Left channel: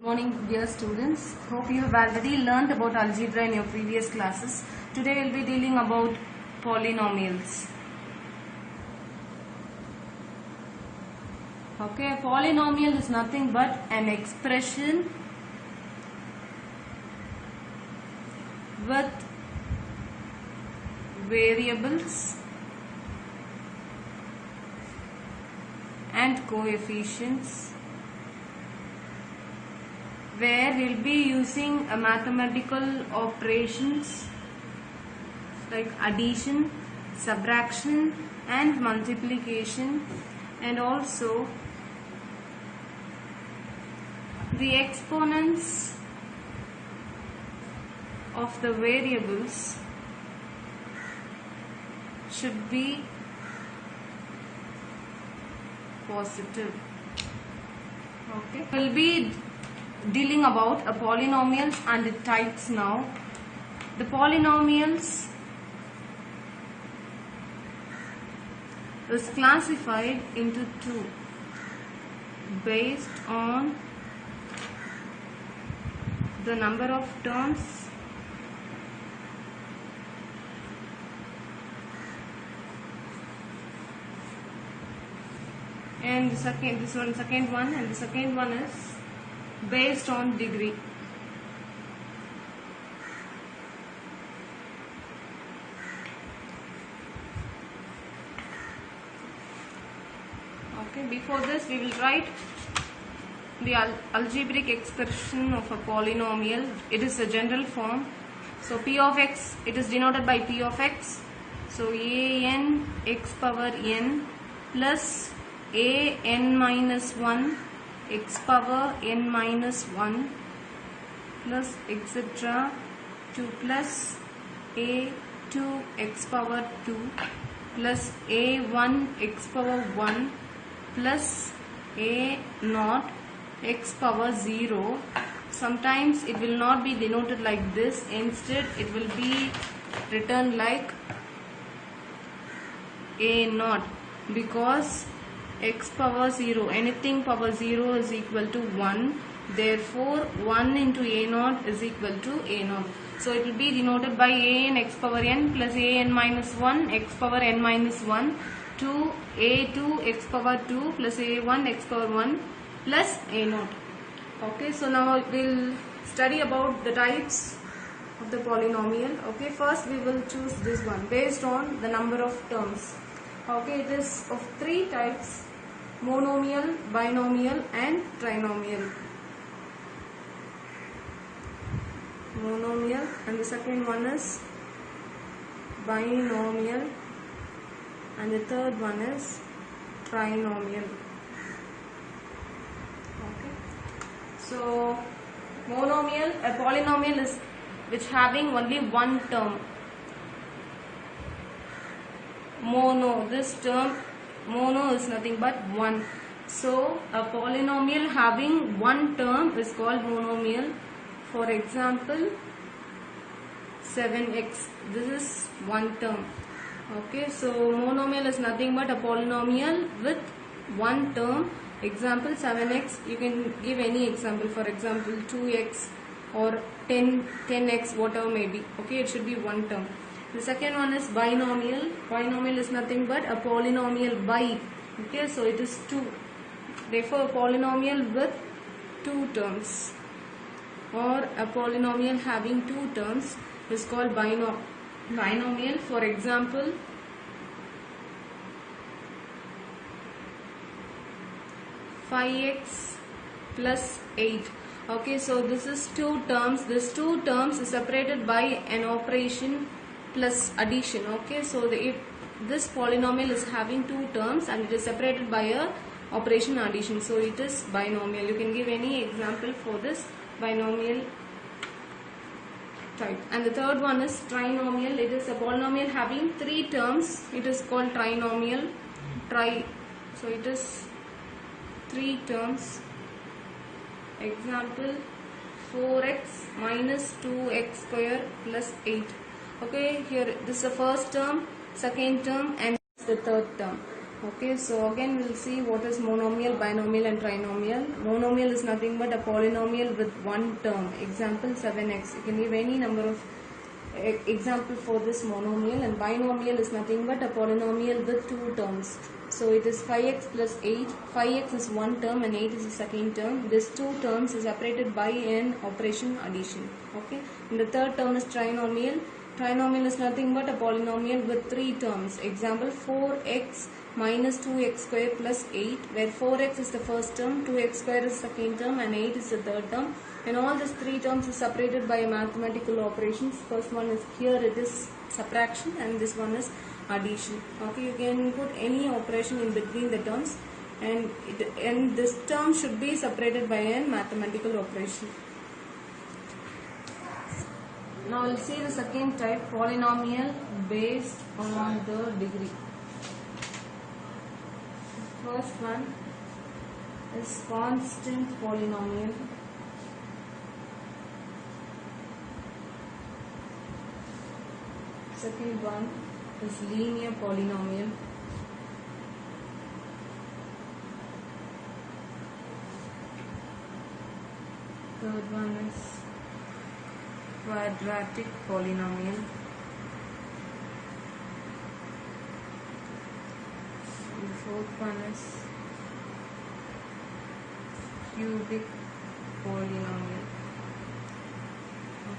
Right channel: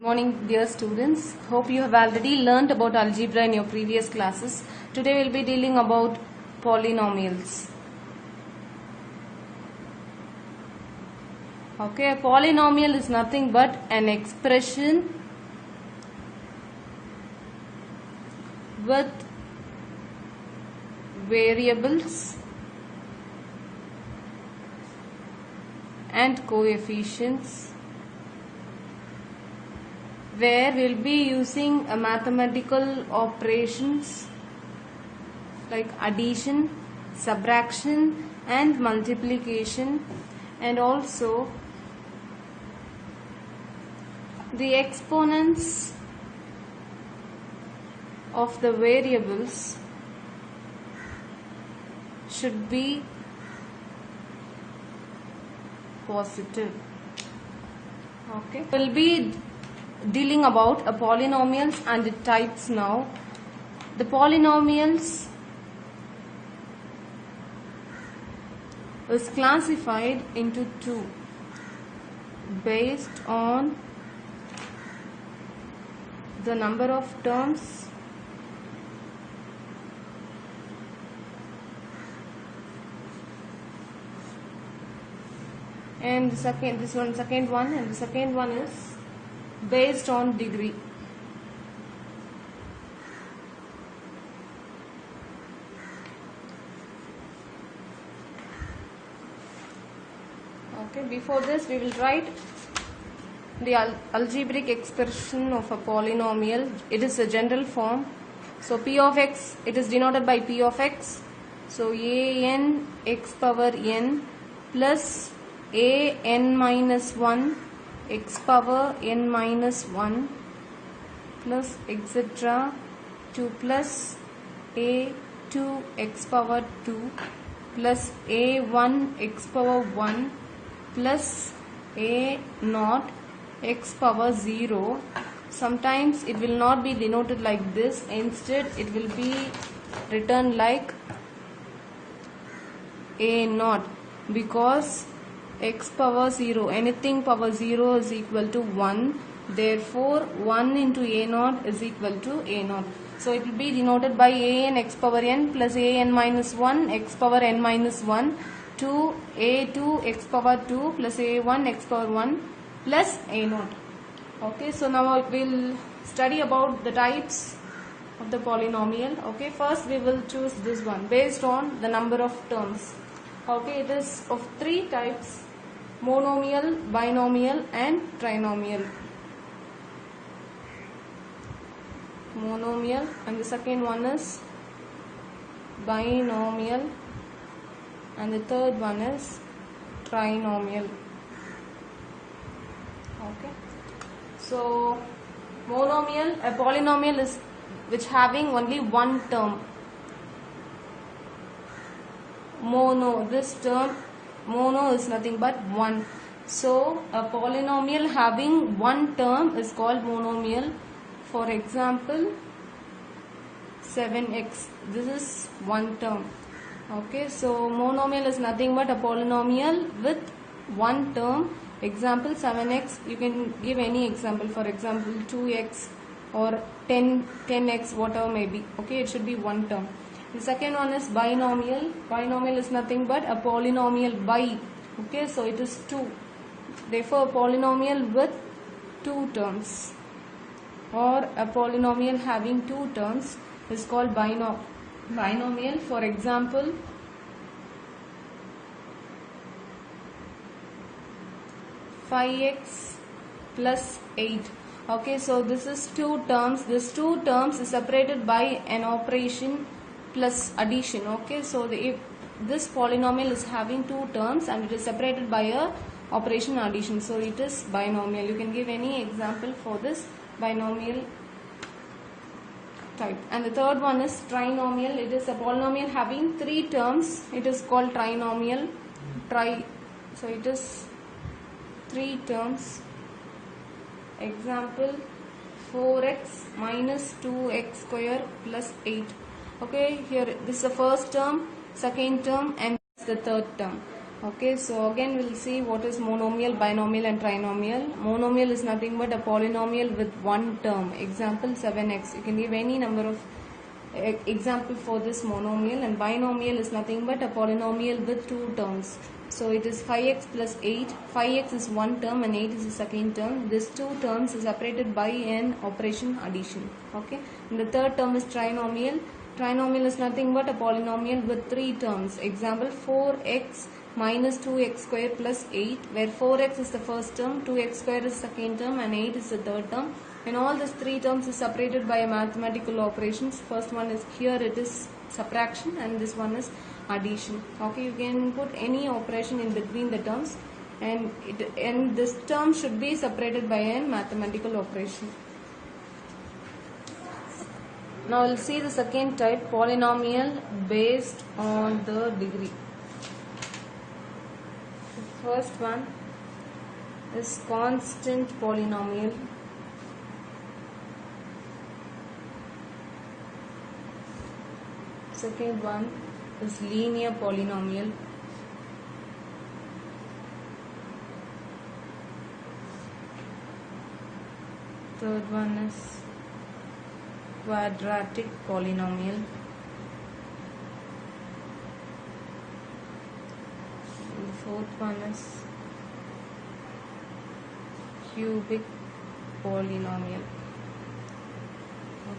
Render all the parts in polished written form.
Good morning, dear students. Hope you have already learned about algebra in your previous classes. Today we will be dealing about polynomials. Okay, a polynomial is nothing but an expression with variables and coefficients where we'll be using a mathematical operations like addition, subtraction and multiplication, and also the exponents of the variables should be positive. Okay, we'll be dealing about a polynomials and the types now. The polynomials is classified into two based on the number of terms and the second one is based on degree. Okay, before this we will write the algebraic expression of a polynomial. It is a general form. So p of x, it is denoted by p of x. So an x power n plus a n minus 1 x power n minus 1 plus etc. 2 plus a 2 x power 2 plus a 1 x power 1 plus a naught x power 0. Sometimes it will not be denoted like this. Instead it will be written like a naught, because x power 0, anything power 0 is equal to 1. Therefore 1 into a naught is equal to a naught. So it will be denoted by a n x power n plus a n minus 1 x power n minus 1 to a 2 x power 2 plus a 1 x power 1 plus a naught. Okay, so now we'll study about the types of the polynomial. Okay, first we will choose this one based on the number of terms. Okay, it is of three types: monomial, binomial and trinomial. Monomial, and the second one is binomial, and the third one is trinomial. Okay, so monomial, a polynomial is which having only one term. Mono, this term mono is nothing but one. So a polynomial having one term is called monomial. For example, 7x, this is one term. Okay, so monomial is nothing but a polynomial with one term. Example 7x, you can give any example, for example 2x or 10x, whatever may be. Okay, it should be one term. The second one is binomial. Binomial is nothing but a polynomial by. Okay, so it is 2. Therefore, a polynomial with two terms or a polynomial having two terms is called binomial. For example, five x plus 8. Okay, so this is two terms. This two terms is separated by an operation plus addition. Okay, so if this polynomial is having two terms and it is separated by a operation addition, so it is binomial. You can give any example for this binomial type. And the third one is trinomial. It is a polynomial having three terms. It is called trinomial. So it is three terms. Example 4x minus 2x square plus 8. Okay, here this is the first term, second term and the third term. Okay, so again we'll see what is monomial, binomial and trinomial. Monomial is nothing but a polynomial with one term. Example 7x. You can give any number of example for this monomial, and binomial is nothing but a polynomial with two terms. So it is 5x plus 8. 5x is one term and 8 is the second term. These two terms is separated by an operation addition. Okay, and the third term is trinomial. Trinomial is nothing but a polynomial with three terms. Example 4x minus 2x square plus 8, where 4x is the first term, 2x square is the second term and 8 is the third term, and all these three terms is separated by mathematical operations. First one is, here it is subtraction, and this one is addition. Okay, you can put any operation in between the terms, and this term should be separated by a mathematical operation. Now we'll see the second type, polynomial based on the degree. First one is constant polynomial. Second one is linear polynomial. Third one is quadratic polynomial. The fourth one is cubic polynomial.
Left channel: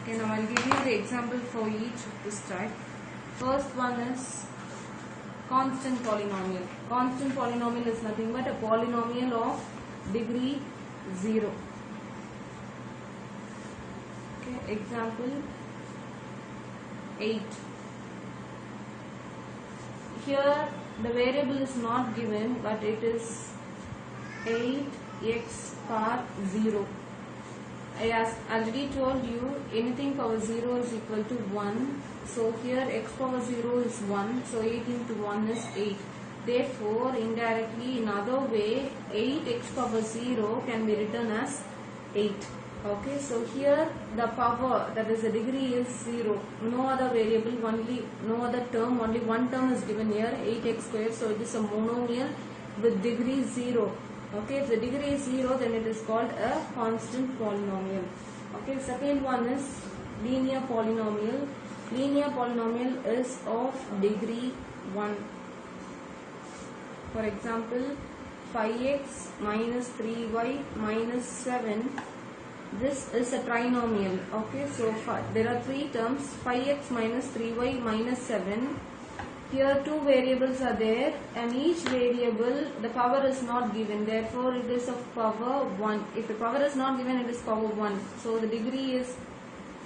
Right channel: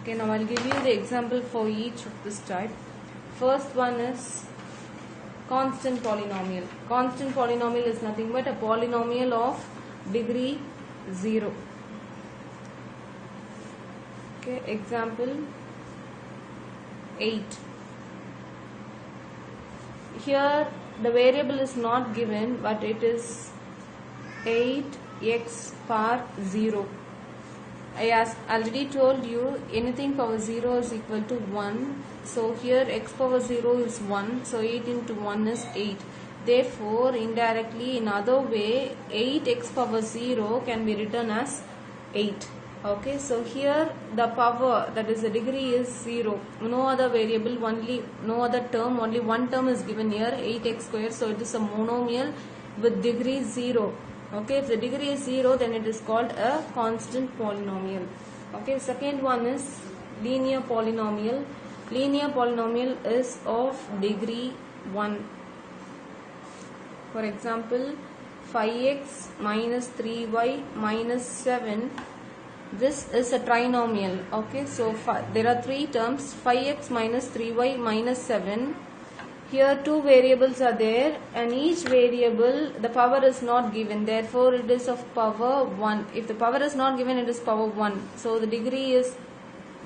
Okay, now I'll give you the example for each of this type. First one is constant polynomial. Constant polynomial is nothing but a polynomial of degree 0. Okay, example 8. Here the variable is not given, but it is 8x power 0. I already told you anything power 0 is equal to 1. So here x power 0 is 1. So 8 into 1 is 8. Therefore, indirectly, in other way, 8x power 0 can be written as 8. Okay, so here the power, that is the degree, is 0. No other variable, no other term, only one term is given here, 8x squared. So it is a monomial with degree 0. Okay, if the degree is 0, then it is called a constant polynomial. Okay, second one is linear polynomial. Linear polynomial is of degree 1. For example, 5x minus 3y minus 7. This is a trinomial. Okay, so there are three terms, 5x minus 3y minus 7. Here two variables are there, and each variable, the power is not given, therefore it is of power 1. If the power is not given, it is power 1. So the degree is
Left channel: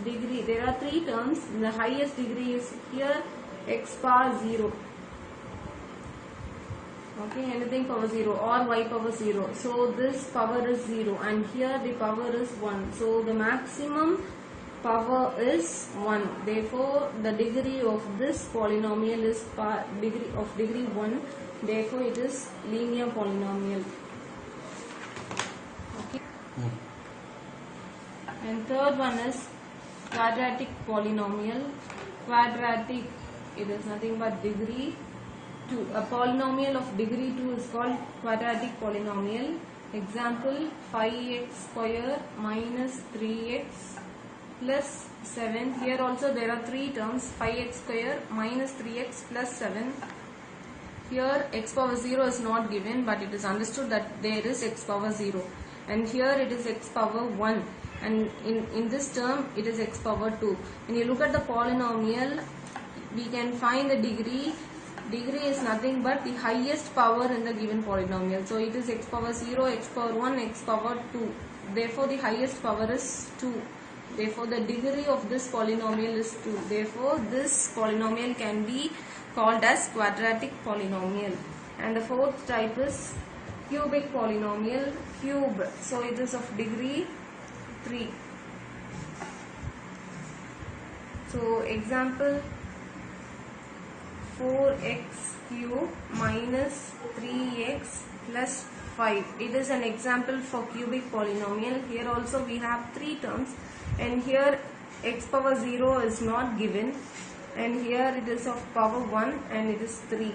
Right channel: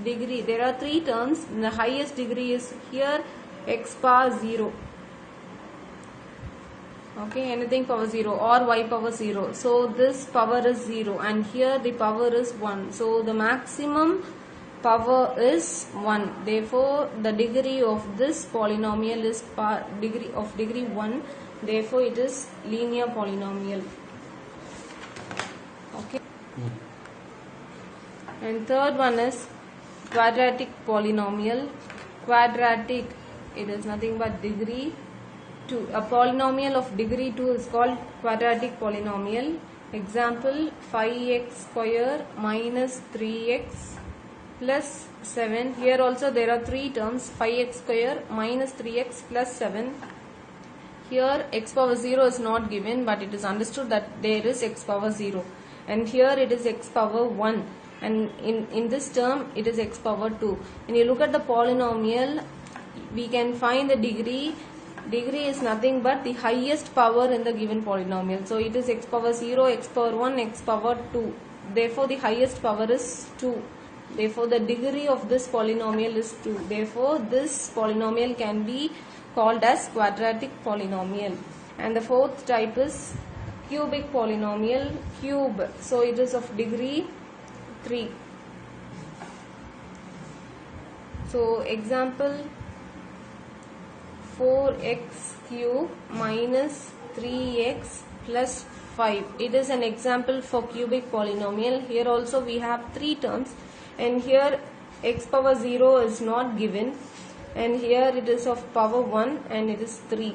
degree. There are three terms, the highest degree is here x power 0. Okay, anything power 0 or y power 0. So this power is 0, and here the power is 1. So the maximum power is 1. Therefore, the degree of this polynomial is degree of degree 1. Therefore, it is linear polynomial. Okay. And third one is quadratic polynomial. Quadratic, it is nothing but degree 2. A polynomial of degree 2 is called quadratic polynomial. Example 5x square minus 3x plus 7. Here also there are three terms, 5x square minus 3x plus 7. Here x power 0 is not given, but it is understood that there is x power 0. And here it is x power 1. And in this term it is x power 2. When you look at the polynomial, we can find the degree. Degree is nothing but the highest power in the given polynomial. So it is x power 0, x power 1, x power 2. Therefore the highest power is 2. Therefore the degree of this polynomial is 2. Therefore this polynomial can be called as quadratic polynomial. And the fourth type is cubic polynomial. Cube, so it is of degree 3. So example 4x cube minus 3x plus 5. It is an example for cubic polynomial. Here also we have three terms, and here x power 0 is not given, and here it is of power 1 and it is 3.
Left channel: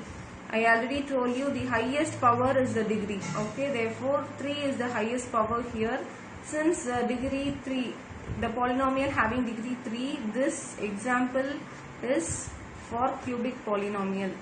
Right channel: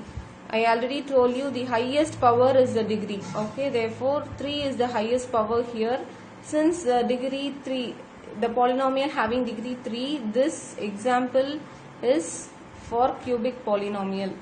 I already told you the highest power is the degree. Okay, therefore 3 is the highest power here. Since degree 3, the polynomial having degree 3, this example is for cubic polynomial.